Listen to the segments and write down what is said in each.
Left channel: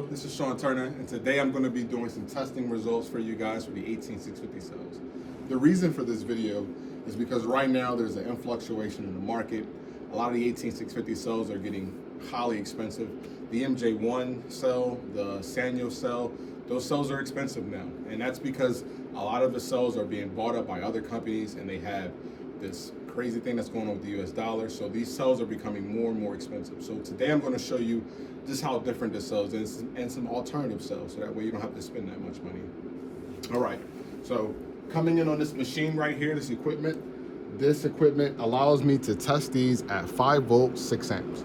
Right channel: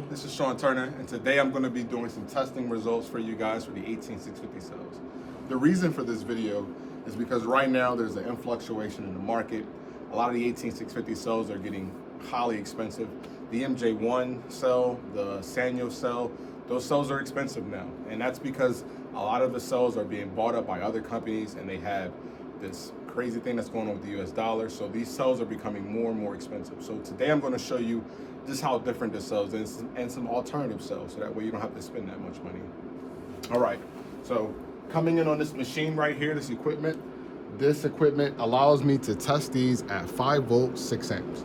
video. This is Sean Turner, and today I'm going to be doing some testing results for you guys for the 18650 cells. The reason for this video is because right now there's an influctuation in the market. A lot of the 18650 cells are getting highly expensive. The MJ1 cell, the Sanyo cell, those cells are expensive now, and that's because a lot of the cells are being bought up by other companies, and they have this crazy thing that's going on with the US dollar. So these cells are becoming more and more expensive. So today I'm going to show you just how different the cells is and some alternative cells, so that way you don't have to spend that much money. All right, so coming in on this machine right here, this equipment allows me to test these at 5 volts, 6 amps.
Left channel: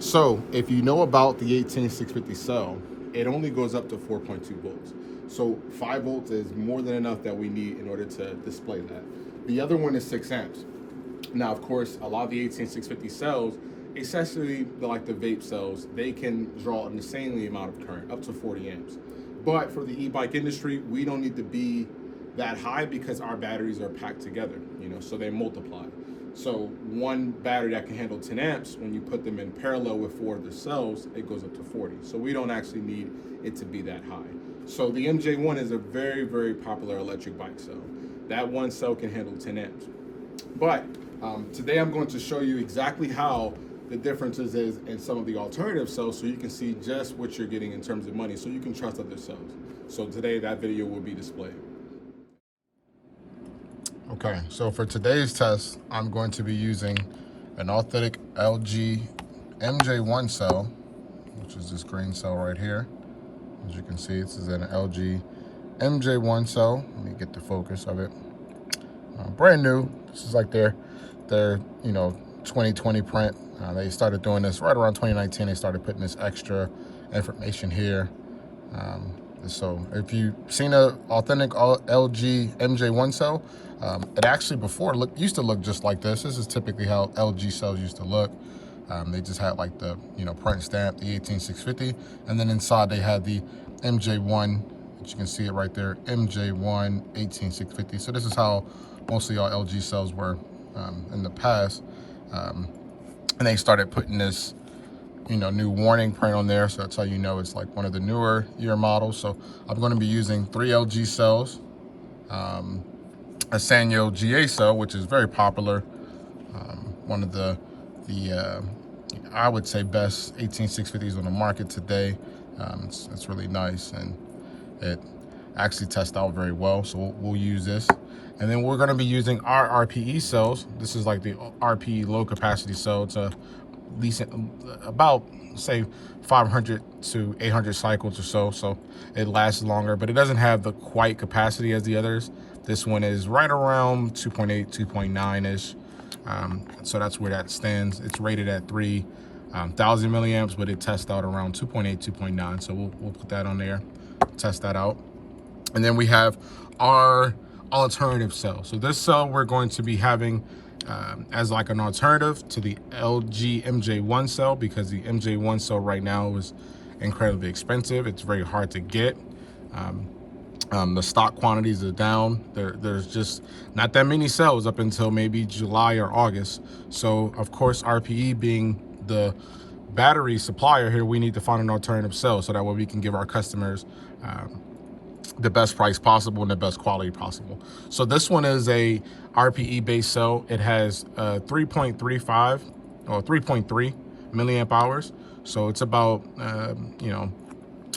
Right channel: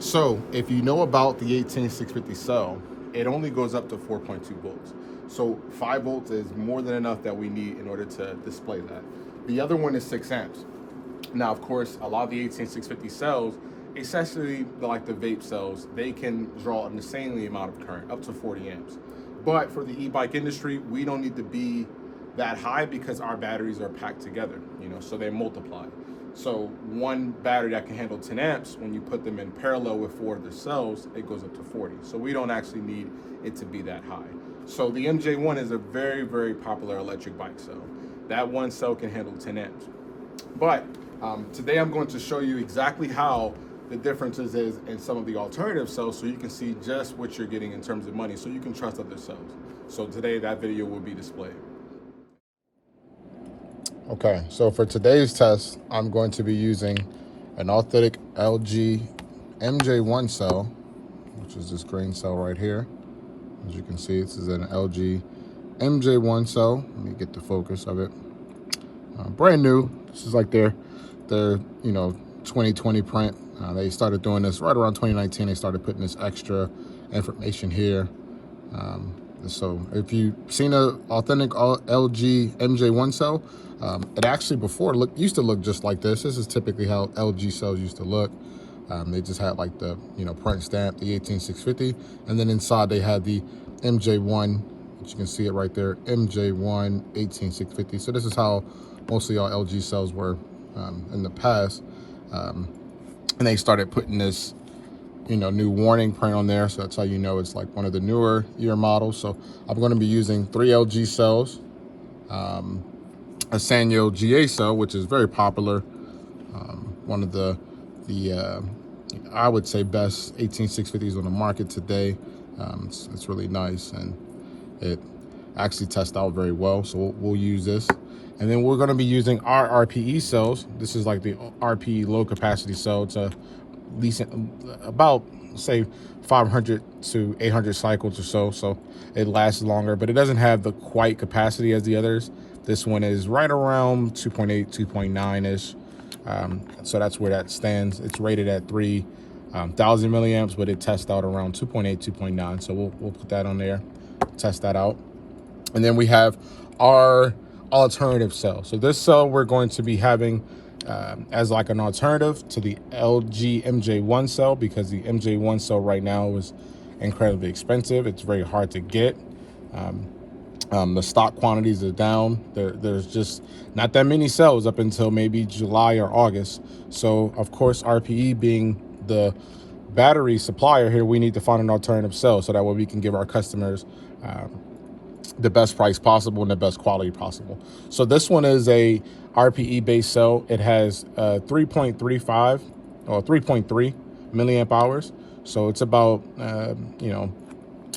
So if you know about the 18650 cell, it only goes up to 4.2 volts. So 5 volts is more than enough that we need in order to display that. The other one is 6 amps. Now, of course, a lot of the 18650 cells, especially like the vape cells, they can draw an insanely amount of current, up to 40 amps. But for the e-bike industry, we don't need to be that high because our batteries are packed together, so they multiply. So one battery that can handle 10 amps, when you put them in parallel with 4 of the cells, it goes up to 40. So we don't actually need it to be that high. So the MJ1 is a very, very popular electric bike cell. That one cell can handle 10 amps. But today I'm going to show you exactly how the differences is in some of the alternative cells, so you can see just what you're getting in terms of money, so you can trust other cells. So today that video will be displayed. Okay, so for today's test, I'm going to be using an authentic LG MJ1 cell, which is this green cell right here. As you can see, this is an LG MJ1 cell. Let me get the focus of it. Brand new. This is like their 2020 print. They started doing this right around 2019. They started putting this extra information here. So if you've seen an authentic LG MJ1 cell, it actually before used to look just like this. This is typically how LG cells used to look. They just had like the print stamp, the 18650, and then inside they had the MJ1, which you can see it right there, MJ1 18650. So this is how mostly all LG cells were in the past. And they started putting this new warning print on there, so that's how you know it's like one of the newer year models. So I'm going to be using 3 LG cells, a Sanyo GA cell, which is very popular, one of the I would say best 18650s on the market today. It's really nice, and it actually tests out very well, so we'll use this. And then we're going to be using our RPE cells. This is like the RPE low capacity cell. It's a decent, about say 500 to 800 cycles or so, so it lasts longer, but it doesn't have the quite capacity as the others. This one is right around 2.8, 2.9 ish. So that's where that stands. It's rated at 3,000 milliamps, but it tests out around 2.8, 2.9. So we'll put that on there, test that out. And then we have our alternative cell. So this cell we're going to be having as like an alternative to the LG MJ1 cell, because the MJ1 cell right now is incredibly expensive. It's very hard to get. The stock quantities are down. There's just not that many cells up until maybe July or August. So of course, RPE being the battery supplier here, we need to find an alternative cell so that way we can give our customers the best price possible and the best quality possible. So this one is a RPE based cell. It has 3.35 or 3.3 milliamp hours. So it's about a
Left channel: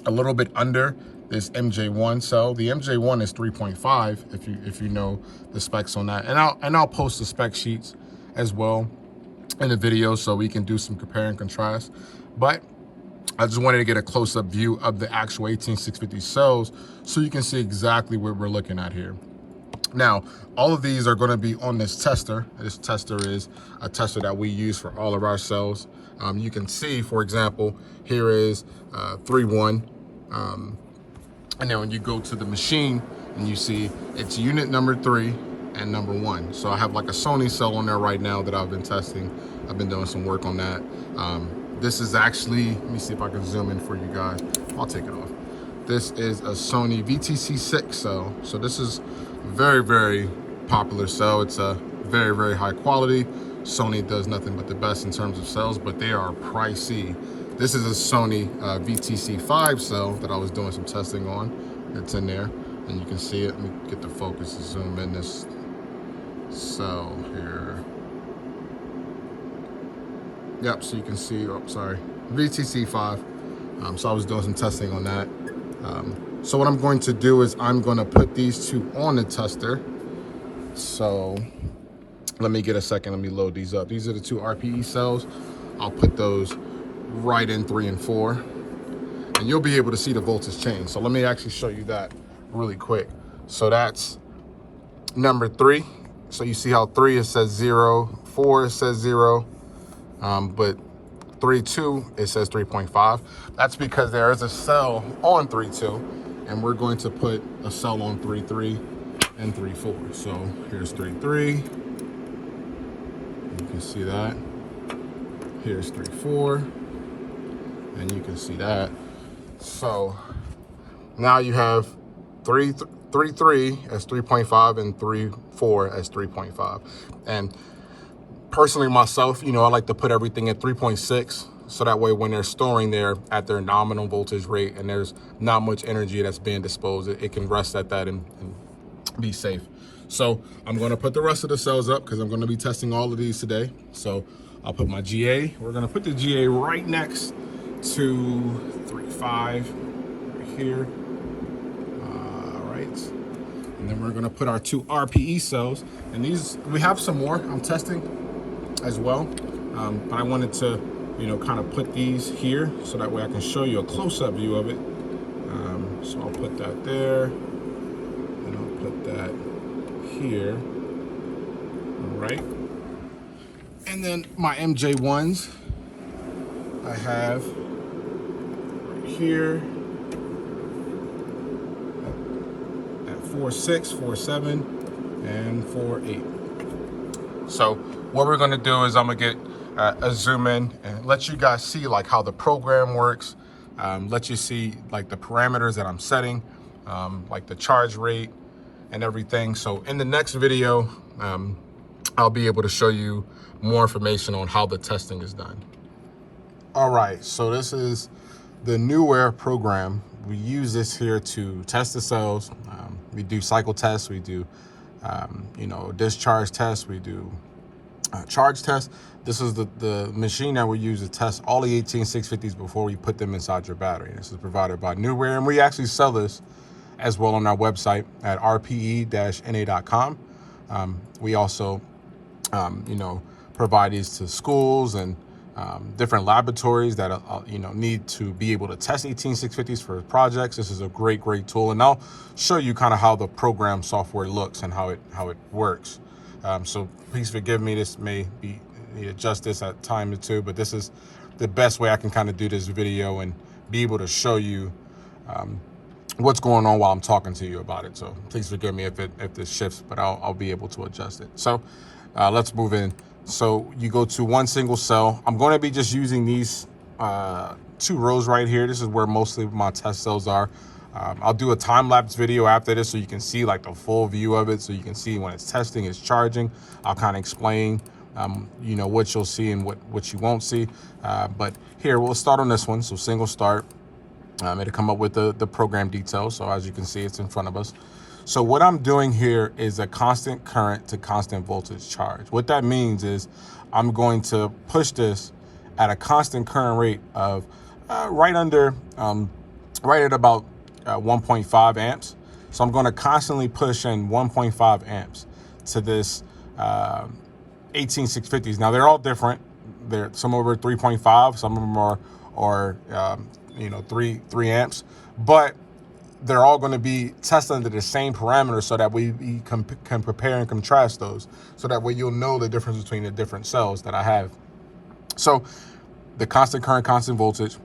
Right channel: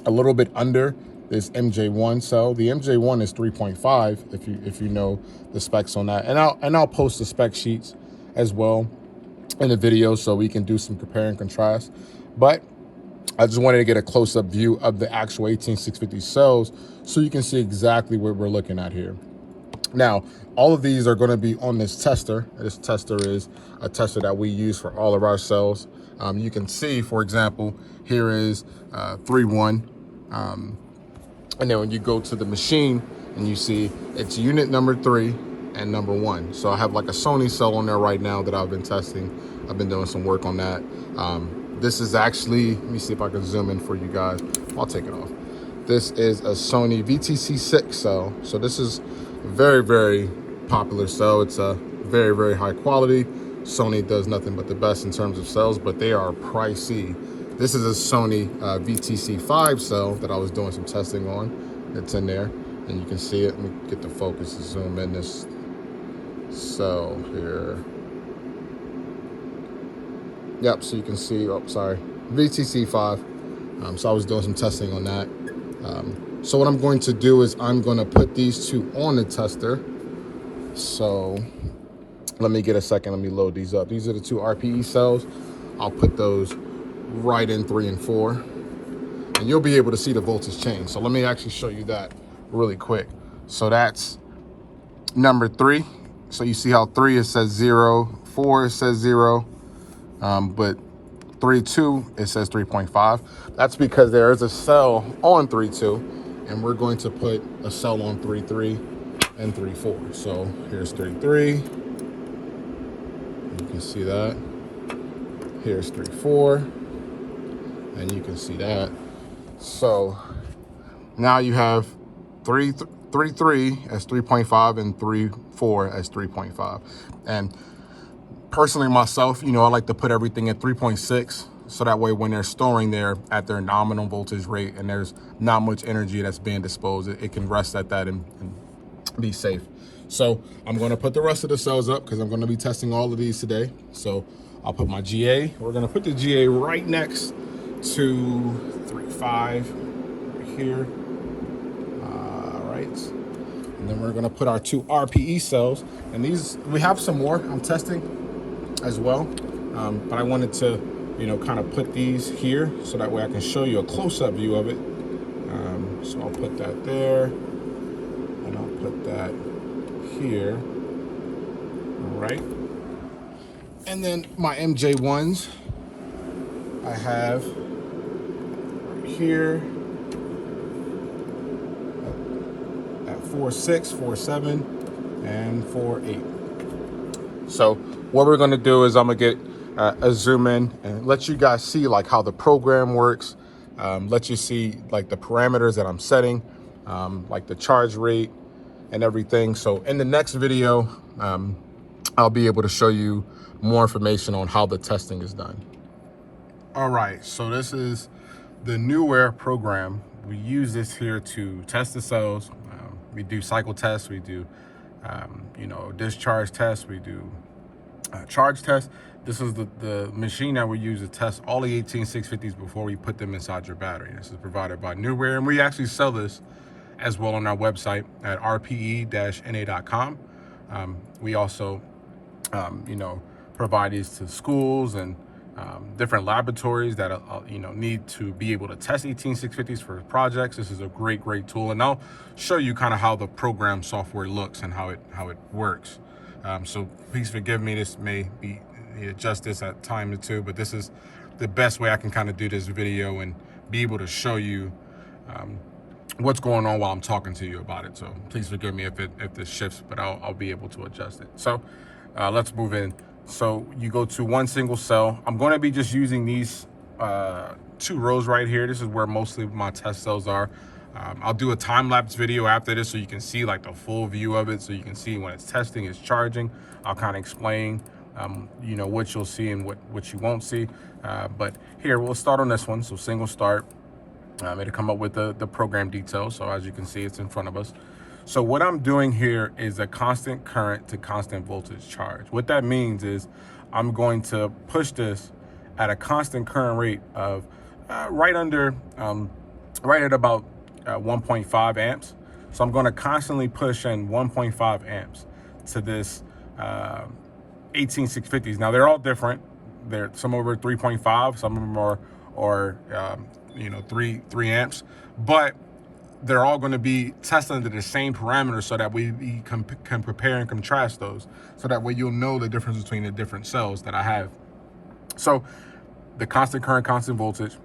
little bit under this MJ1 cell. The MJ1 is 3.5 if you know the specs on that. And I'll post the spec sheets as well in the video so we can do some compare and contrast. But I just wanted to get a close-up view of the actual 18650 cells so you can see exactly what we're looking at here. Now, all of these are going to be on this tester. This tester is a tester that we use for all of our cells. You can see, for example, here is 3.1. And then when you go to the machine and you see it's unit number 3 and number 1. So I have like a Sony cell on there right now that I've been testing. I've been doing some work on that. This is actually, let me see if I can zoom in for you guys. I'll take it off. This is a Sony VTC6 cell. So this is very, very popular cell. It's a very, very high quality. Sony does nothing but the best in terms of cells, but they are pricey. This is a Sony VTC5 cell that I was doing some testing on. It's in there, and you can see it. Let me get the focus to zoom in this cell here. Yep, so you can see, oh, sorry, VTC5. So I was doing some testing on that. So what I'm going to do is I'm going to put these two on the tester. So let me get a second, let me load these up. These are the two RPE cells. I'll put those right in 3 and 4, and you'll be able to see the voltage change. So let me actually show you that really quick. So that's number 3. So you see how 3 it says 0, 4 it says 0, but 3.2 it says 3.5. That's because there is a cell on 3.2, and we're going to put a cell on 3.3 and 3.4. So here's 3.3. You can see that. Here's 3.4, and you can see that. So now you have 3.3 as 3.5 and 3.4 as 3.5. And personally myself, you know, I like to put everything at 3.6, so that way when they're storing, they're at their nominal voltage rate and there's not much energy that's being disposed. It can rest at that and be safe. So I'm going to put the rest of the cells up because I'm going to be testing all of these today. So I'll put my GA. We're going to put the GA right next to 3.5 right here. All right. And then we're going to put our two RPE cells. And these, we have some more I'm testing as well. But I wanted to, you know, kind of put these here so that way I can show you a close-up view of it. So I'll put that there, and I'll put that here. All right. And then my MJ1s, I have right here at 4.6, 4.7, and 4.8. So what we're gonna do is I'm gonna get a zoom in and let you guys see like how the program works, let you see like the parameters that I'm setting, like the charge rate and everything. So in the next video, I'll be able to show you more information on how the testing is done. All right, so this is the Newware program. We use this here to test the cells. We do cycle tests, we do you know, discharge tests, we do charge tests. This is the machine that we use to test all the 18650s before we put them inside your battery. This is provided by Newware, and we actually sell this as well on our website at rpe-na.com. We also, you know, provide these to schools and different laboratories that you know, need to be able to test 18650s for projects. This is a great tool, and I'll show you kind of how the program software looks and how it works. So please forgive me. This may be adjust this at time or two, but this is the best way I can kind of do this video and be able to show you what's going on while I'm talking to you about it. So please forgive me if this shifts, but I'll be able to adjust it. So let's move in. So you go to one single cell. I'm going to be just using these 2 rows right here. This is where mostly my test cells are. I'll do a time-lapse video after this so you can see like the full view of it, so you can see when it's testing, it's charging. I'll kind of explain you know, what you'll see and what you won't see. But here, we'll start on this one. So single start. It'll come up with the program details. So as you can see, it's in front of us. So what I'm doing here is a constant current to constant voltage charge. What that means is I'm going to push this at a constant current rate of right at about 1.5 amps. So I'm going to constantly push in 1.5 amps to this 18650s. Now they're all different. Some of them are 3.5, some of them are you know, 3 amps, but they're all going to be tested under the same parameters so that we can compare and contrast those, so that way you'll know the difference between the different cells that I have. So the constant current, constant voltage.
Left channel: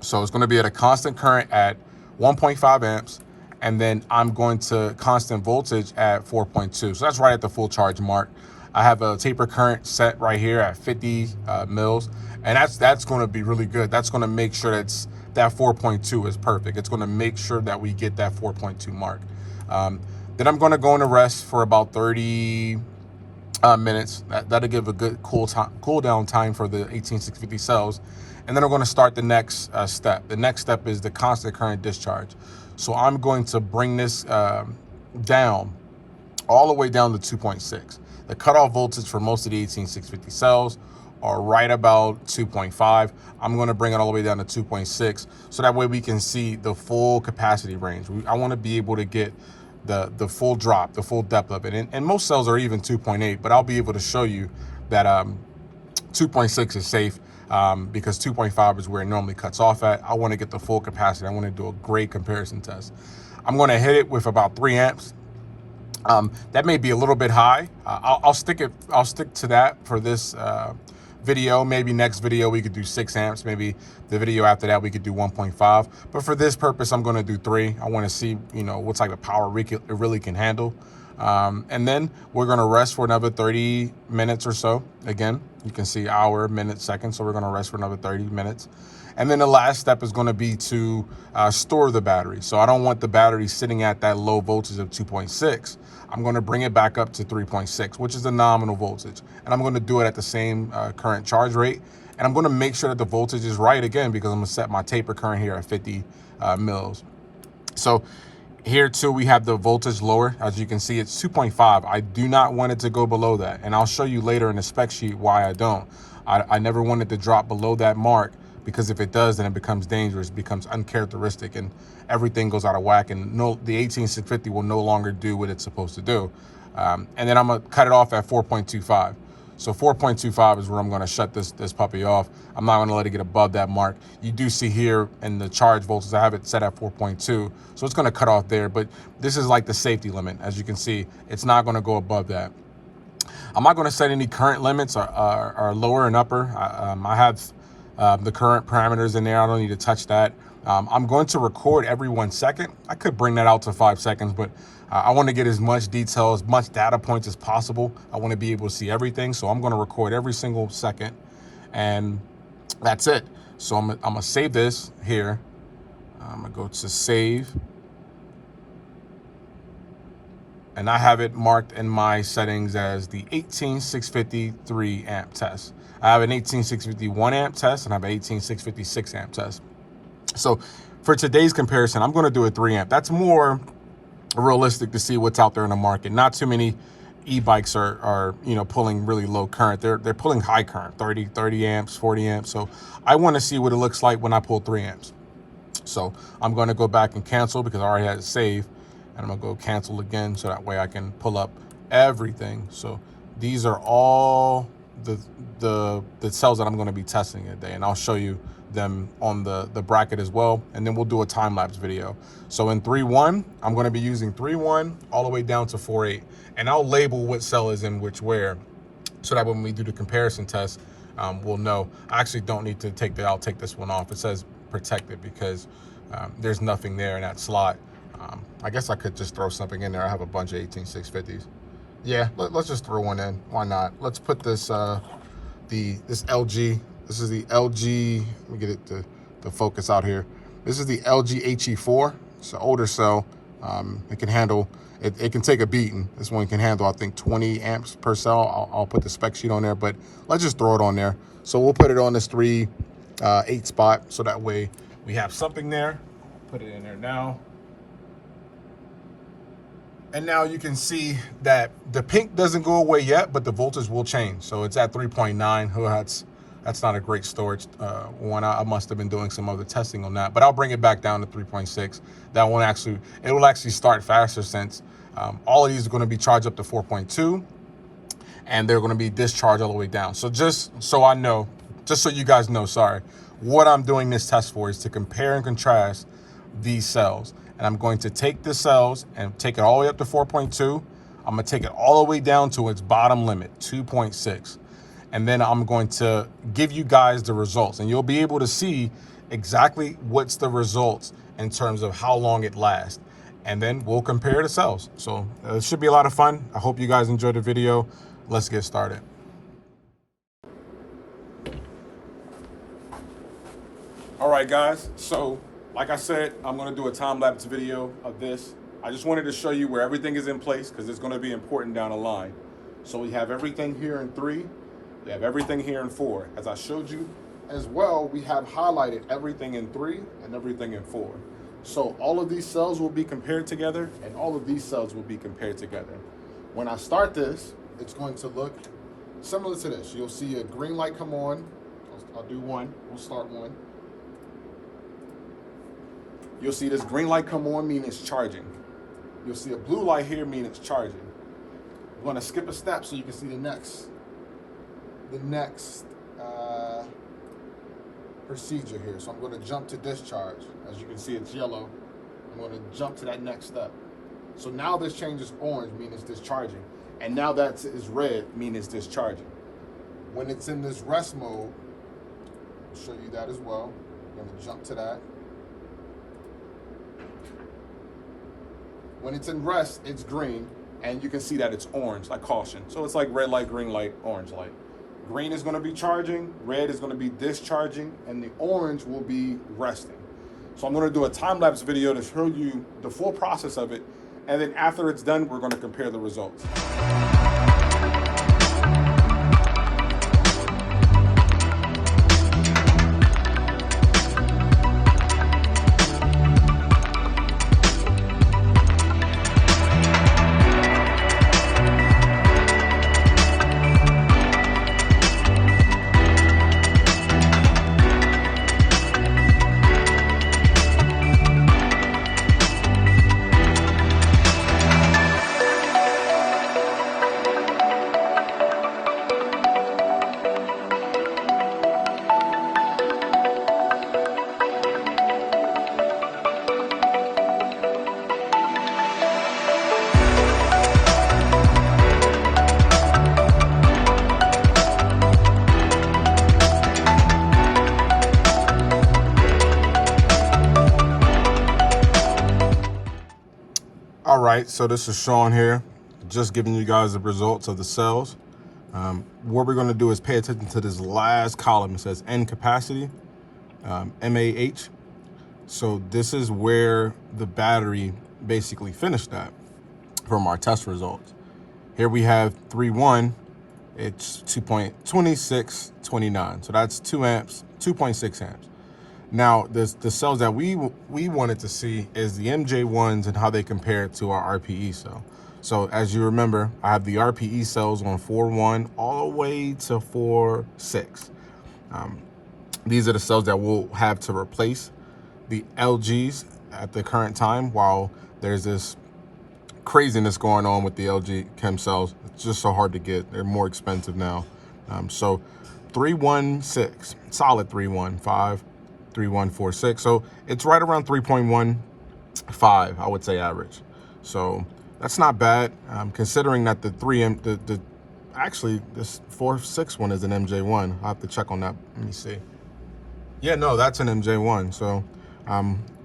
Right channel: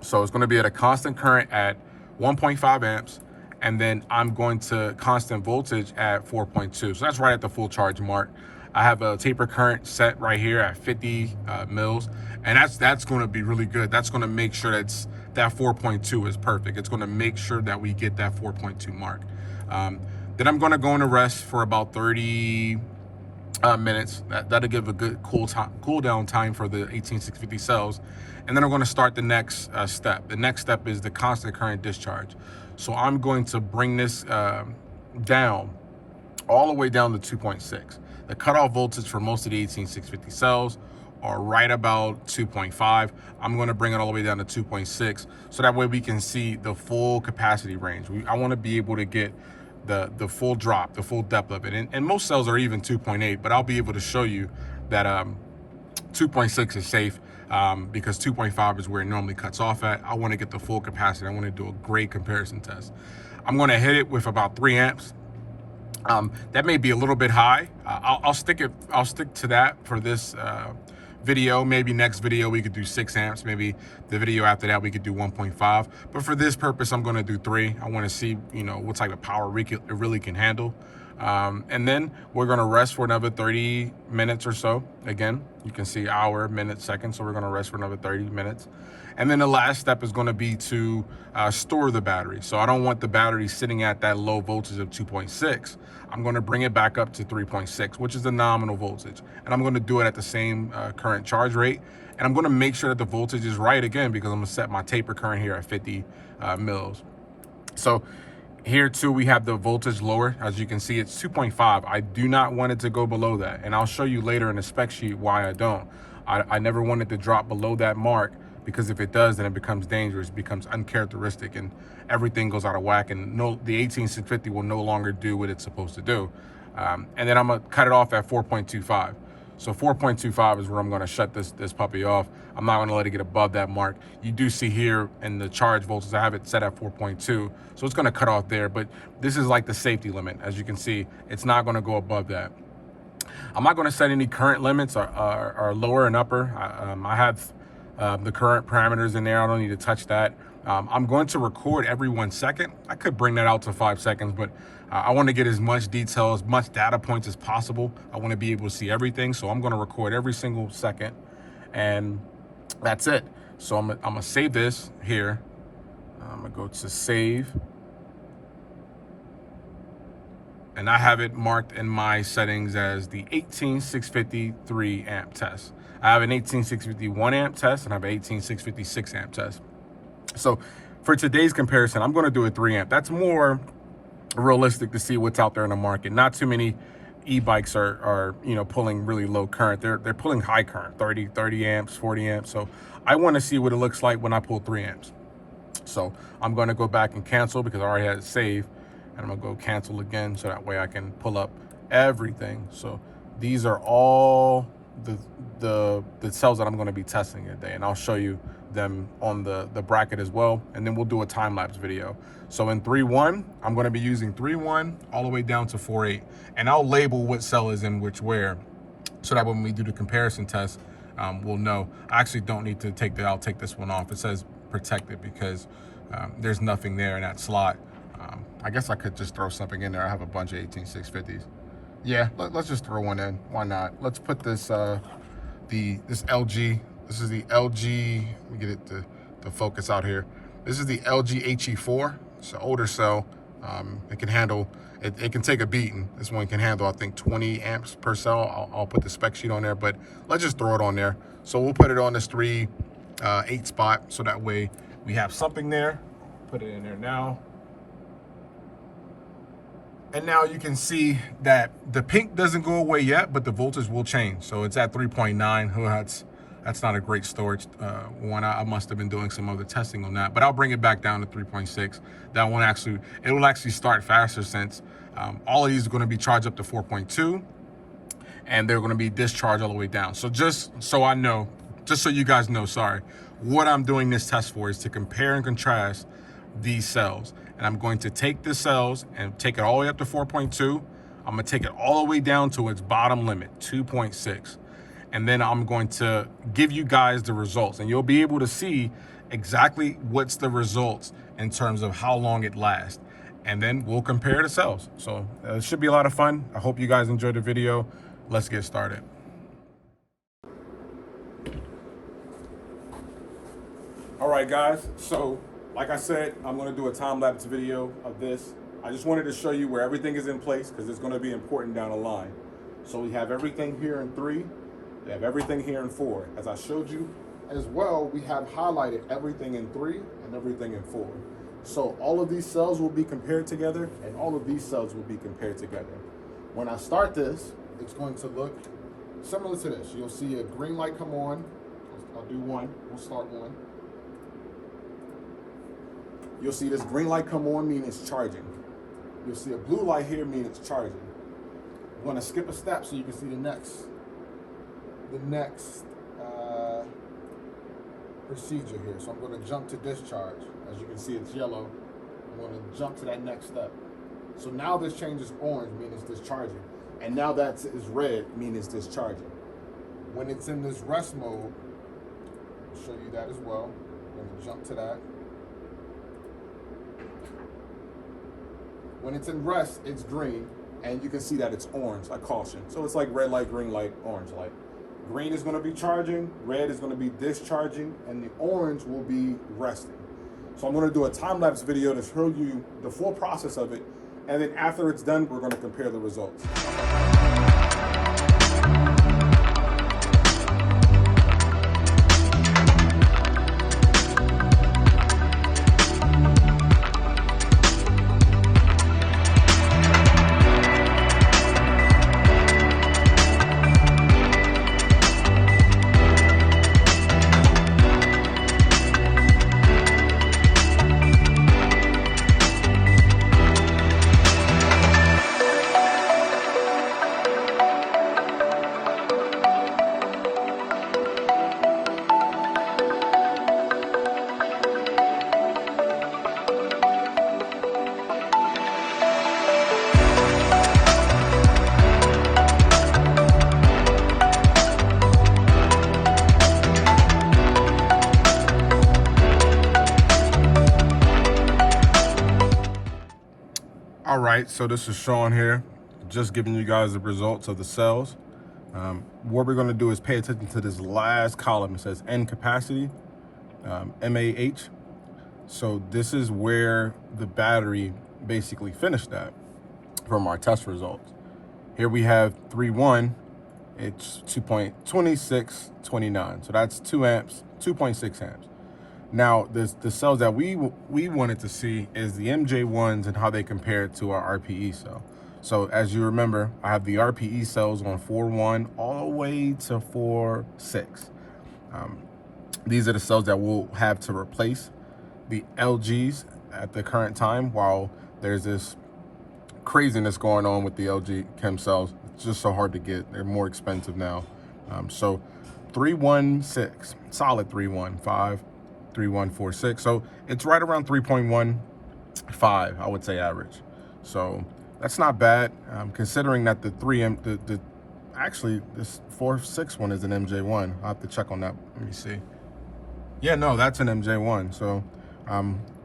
So it's going to be at a constant current at 1.5 amps, and then I'm going to constant voltage at 4.2. So that's right at the full charge mark. I have a taper current set right here at 50 mils, and that's going to be really good. That's going to make sure that 4.2 is perfect. It's going to make sure that we get that 4.2 mark. Then I'm going to go into rest for about 30 minutes. That'll give a good cool down time for the 18650 cells. And then I'm going to start the next step. The next step is the constant current discharge. So I'm going to bring this down, all the way down to 2.6. The cutoff voltage for most of the 18650 cells are right about 2.5. I'm going to bring it all the way down to 2.6, so that way we can see the full capacity range. I want to be able to get the full drop, the full depth of it. And most cells are even 2.8, but I'll be able to show you that 2.6 is safe, because 2.5 is where it normally cuts off at. I want to get the full capacity. I want to do a great comparison test. I'm going to hit it with about 3 amps. That may be a little bit high. I'll stick to that for this video. Maybe next video we could do 6 amps. Maybe the video after that we could do 1.5. But for this purpose, I'm going to do 3. I want to see, you know, what type of power it really can handle. And then we're going to rest for another 30 minutes or so. Again, you can see hour, minute, second. So we're going to rest for another 30 minutes. And then the last step is going to be to store the battery. So I don't want the battery sitting at that low voltage of 2.6. I'm going to bring it back up to 3.6, which is the nominal voltage. And I'm going to do it at the same current charge rate. And I'm going to make sure that the voltage is right again, because I'm going to set my taper current here at 50 mils. So here too, we have the voltage lower. As you can see, it's 2.5. I do not want it to go below that. And I'll show you later in the spec sheet why I don't. I never want it to drop below that mark, because if it does, then it becomes dangerous, becomes uncharacteristic, and everything goes out of whack, and the 18650 will no longer do what it's supposed to do. And then I'm gonna cut it off at 4.25. So 4.25 is where I'm gonna shut this puppy off. I'm not gonna let it get above that mark. You do see here in the charge voltage, I have it set at 4.2. So it's gonna cut off there, but this is like the safety limit. As you can see, it's not gonna go above that. I'm not gonna set any current limits or lower and upper. I have the current parameters in there. I don't need to touch that. I'm going to record every 1 second. I could bring that out to 5 seconds, but I want to get as much detail, as much data points as possible. I want to be able to see everything. So I'm going to record every single second, and that's it. So I'm going to save this here. I'm going to go to save. And I have it marked in my settings as the 18650 3 amp test. I have an 18650 1 amp test, and I have an 18650 6 amp test. So for today's comparison, I'm going to do a 3 amp. That's more realistic to see what's out there in the market. Not too many e-bikes are you know, pulling really low current. They're pulling high current, 30 amps, 40 amps. So I want to see what it looks like when I pull 3 amps. So I'm going to go back and cancel, because I already had it saved. And I'm gonna go cancel again, so that way I can pull up everything. So these are all the cells that I'm gonna be testing today, and I'll show you them on the bracket as well. And then we'll do a time-lapse video. So in 3.1, I'm gonna be using 3.1 all the way down to 4.8. And I'll label what cell is in which where, so that when we do the comparison test, we'll know. I actually don't need to take that. I'll take this one off. It says protected, because there's nothing there in that slot. I guess I could just throw something in there. I have a bunch of 18650s. Yeah, let's just throw one in. Why not? Let's put this this LG. This is the LG. Let me get it to focus out here. This is the LG HE4. It's an older cell. It can handle. It can take a beating. This one can handle, I think, 20 amps per cell. I'll put the spec sheet on there, but let's just throw it on there. So we'll put it on this 3.8 spot, so that way we have something there. Put it in there now. And now you can see that the pink doesn't go away yet, but the voltage will change. So it's at 3.9. Oh, that's not a great storage one. I must have been doing some other testing on that, but I'll bring it back down to 3.6. That one it will actually start faster, since all of these are going to be charged up to 4.2, and they're going to be discharged all the way down. So just so I know, just so you guys know, sorry, what I'm doing this test for is to compare and contrast these cells. And I'm going to take the cells and take it all the way up to 4.2. I'm going to take it all the way down to its bottom limit, 2.6. And then I'm going to give you guys the results, and you'll be able to see exactly what's the results in terms of how long it lasts. And then we'll compare the cells. So it should be a lot of fun. I hope you guys enjoyed the video. Let's get started. All right, guys. So like I said, I'm gonna do a time-lapse video of this. I just wanted to show you where everything is in place, because it's gonna be important down the line. So we have everything here in 3, we have everything here in 4. As I showed you, as well, we have highlighted everything in 3 and everything in 4. So all of these cells will be compared together, and all of these cells will be compared together. When I start this, it's going to look similar to this. You'll see a green light come on. I'll do 1. We'll start 1. You'll see this green light come on, meaning it's charging. You'll see a blue light here, meaning it's charging. I'm going to skip a step so you can see the next procedure here. So I'm going to jump to discharge. As you can see, it's yellow. I'm going to jump to that next step. So now this changes orange, meaning it's discharging. And now that is red, meaning it's discharging. When it's in this rest mode, I'll show you that as well. I'm going to jump to that. When it's in rest, it's green, and you can see that it's orange, like caution. So it's like red light, green light, orange light. Green is going to be charging, red is going to be discharging, and the orange will be resting. So I'm going to do a time-lapse video to show you the full process of it, and then after it's done, we're going to compare the results. All right, so this is Sean here, just giving you guys the results of the cells. What we're going to do is pay attention to this last column. It says N capacity, MAH. So this is where the battery basically finished at from our test results. Here we have 3.1, it's 2.2629. So that's 2 amps, 2.6 amps. Now, the cells that we wanted to see is the MJ1s and how they compare to our RPE cell. So as you remember, I have the RPE cells on 4.1 all the way to 4.6. These are the cells that we'll have to replace the LGs at the current time, while there's this craziness going on with the LG chem cells. It's just so hard to get. They're more expensive now. So 3.16, solid 3.15. 3.146, so it's right around 3.15, I would say, average. So that's not bad, considering that actually this 4.6 one is an MJ1. I'll have to check on that. Let me see. Yeah, no, that's an MJ1. So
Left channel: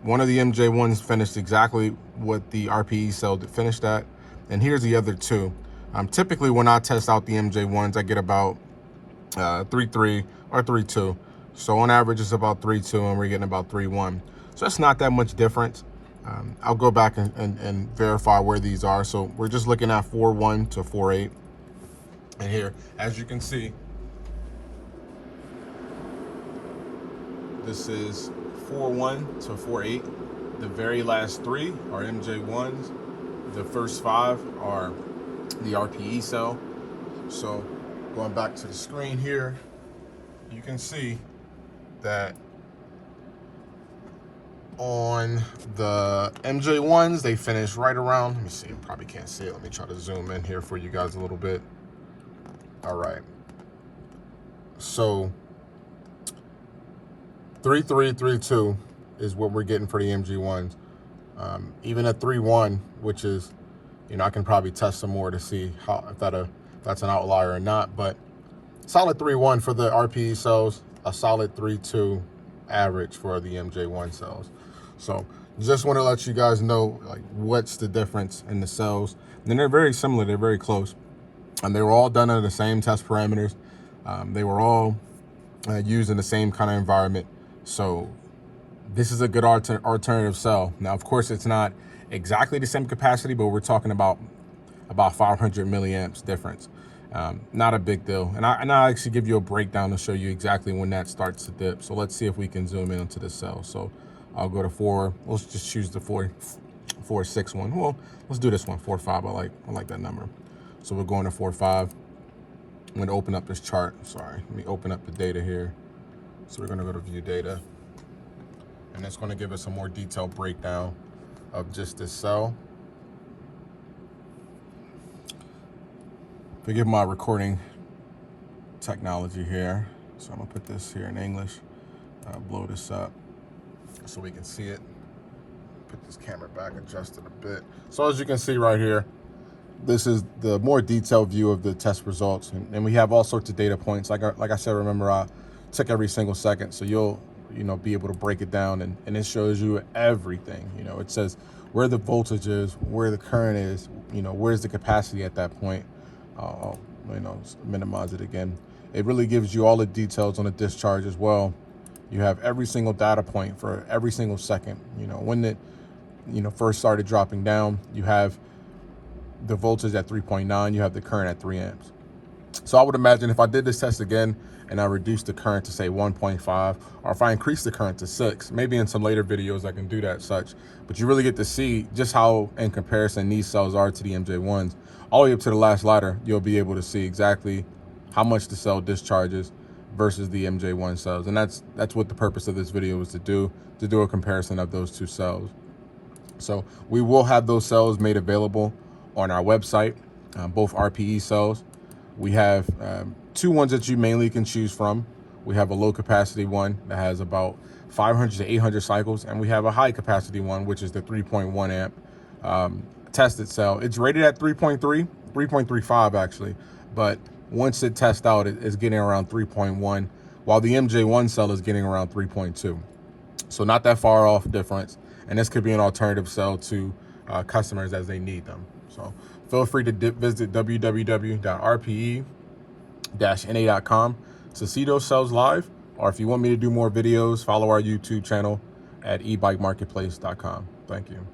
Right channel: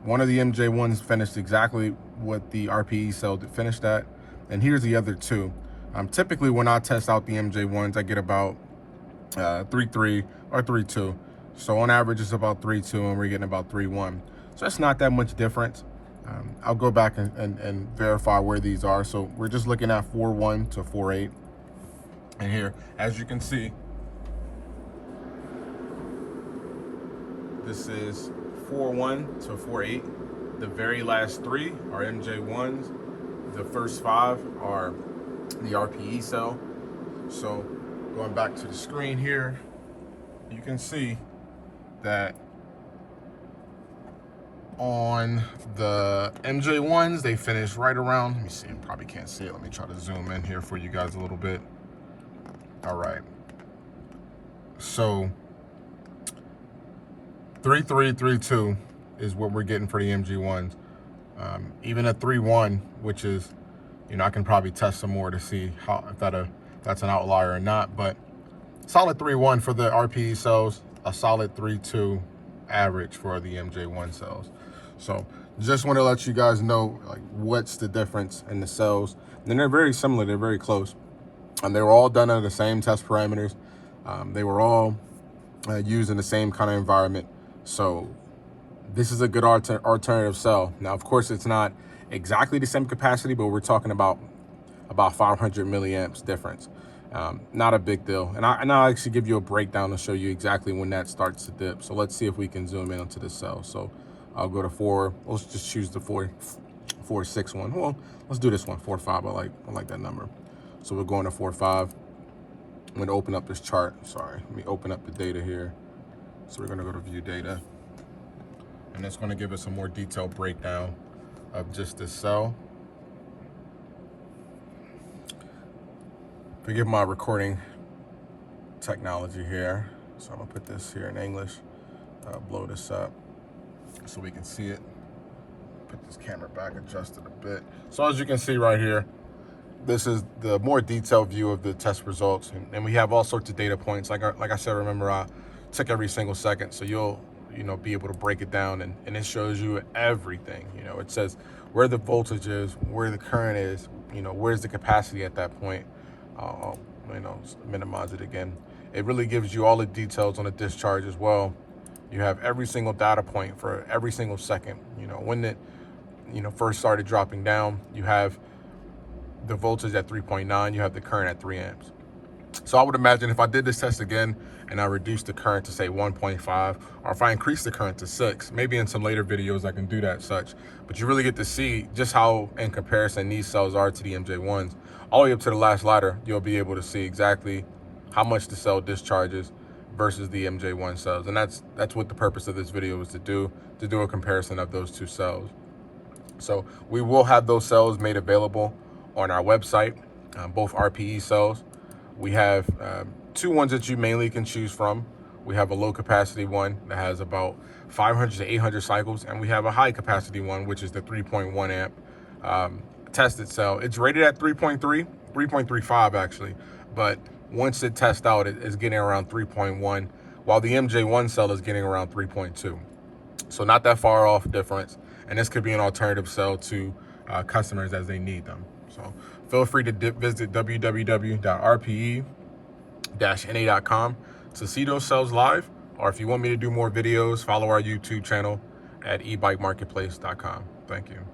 one of the MJ1s finished exactly what the RPE cell finished at, and here's the other two. Typically when I test out the MJ1s, I get about 3.3 or 3.2. So on average, it's about 3.2, and we're getting about 3.1. So that's not that much difference. I'll go back and verify where these are. So we're just looking at 4.1 to 4.8. And here, as you can see, this is 4.1 to 4.8. The very last 3 are MJ1s. The first 5 are the RPE cell. So going back to the screen here, you can see that on the MJ1s, they finished right around, let me see, you probably can't see it. Let me try to zoom in here for you guys a little bit. All right. So 3.3, 3.2 is what we're getting for the MG1s. Even at 3.1, which is, I can probably test some more to see how if that's an outlier or not, but solid 3.1 for the RPE cells, a solid 3.2 average for the MJ1 cells. So just want to let you guys know, like, what's the difference in the cells. And they're very similar, they're very close. And they were all done under the same test parameters. They were all used in the same kind of environment. So this is a good alternative cell. Now, of course, it's not exactly the same capacity, but we're talking about 500 milliamps difference. Not a big deal. And I'll actually give you a breakdown to show you exactly when that starts to dip. So let's see if we can zoom in onto the cell. So I'll go to 4. Let's just choose the 4.6 one. Well, let's do this one, 4.5. I like that number. So we're going to 4.5. I'm going to open up this chart. Sorry, let me open up the data here. So we're going to go to view data. And it's going to give us a more detailed breakdown of just this cell. Forgive my recording technology here. So I'm gonna put this here in English, blow this up so we can see it. Put this camera back, adjust it a bit. So as you can see right here, this is the more detailed view of the test results. And we have all sorts of data points. Like I said, remember, I took every single second. So you'll be able to break it down, and it shows you everything. It says where the voltage is, where the current is, where's the capacity at that point. I'll minimize it again. It really gives you all the details on the discharge as well. You have every single data point for every single second. When it first started dropping down, you have the voltage at 3.9, you have the current at 3 amps. So I would imagine if I did this test again and I reduced the current to say 1.5, or if I increase the current to 6, maybe in some later videos I can do that such, but you really get to see just how in comparison these cells are to the MJ1s. All the way up to the last ladder, you'll be able to see exactly how much the cell discharges versus the MJ1 cells. And that's what the purpose of this video is to do a comparison of those two cells. So we will have those cells made available on our website, both RPE cells. We have 2 ones that you mainly can choose from. We have a low capacity one that has about 500 to 800 cycles, and we have a high capacity one, which is the 3.1 amp tested cell. It's rated at 3.35 actually, but once it tests out, it's getting around 3.1, while the MJ1 cell is getting around 3.2. So not that far off difference, and this could be an alternative cell to customers as they need them. So feel free to visit www.rpe-na.com to see those cells live, or if you want me to do more videos, follow our YouTube channel at ebikemarketplace.com. Thank you.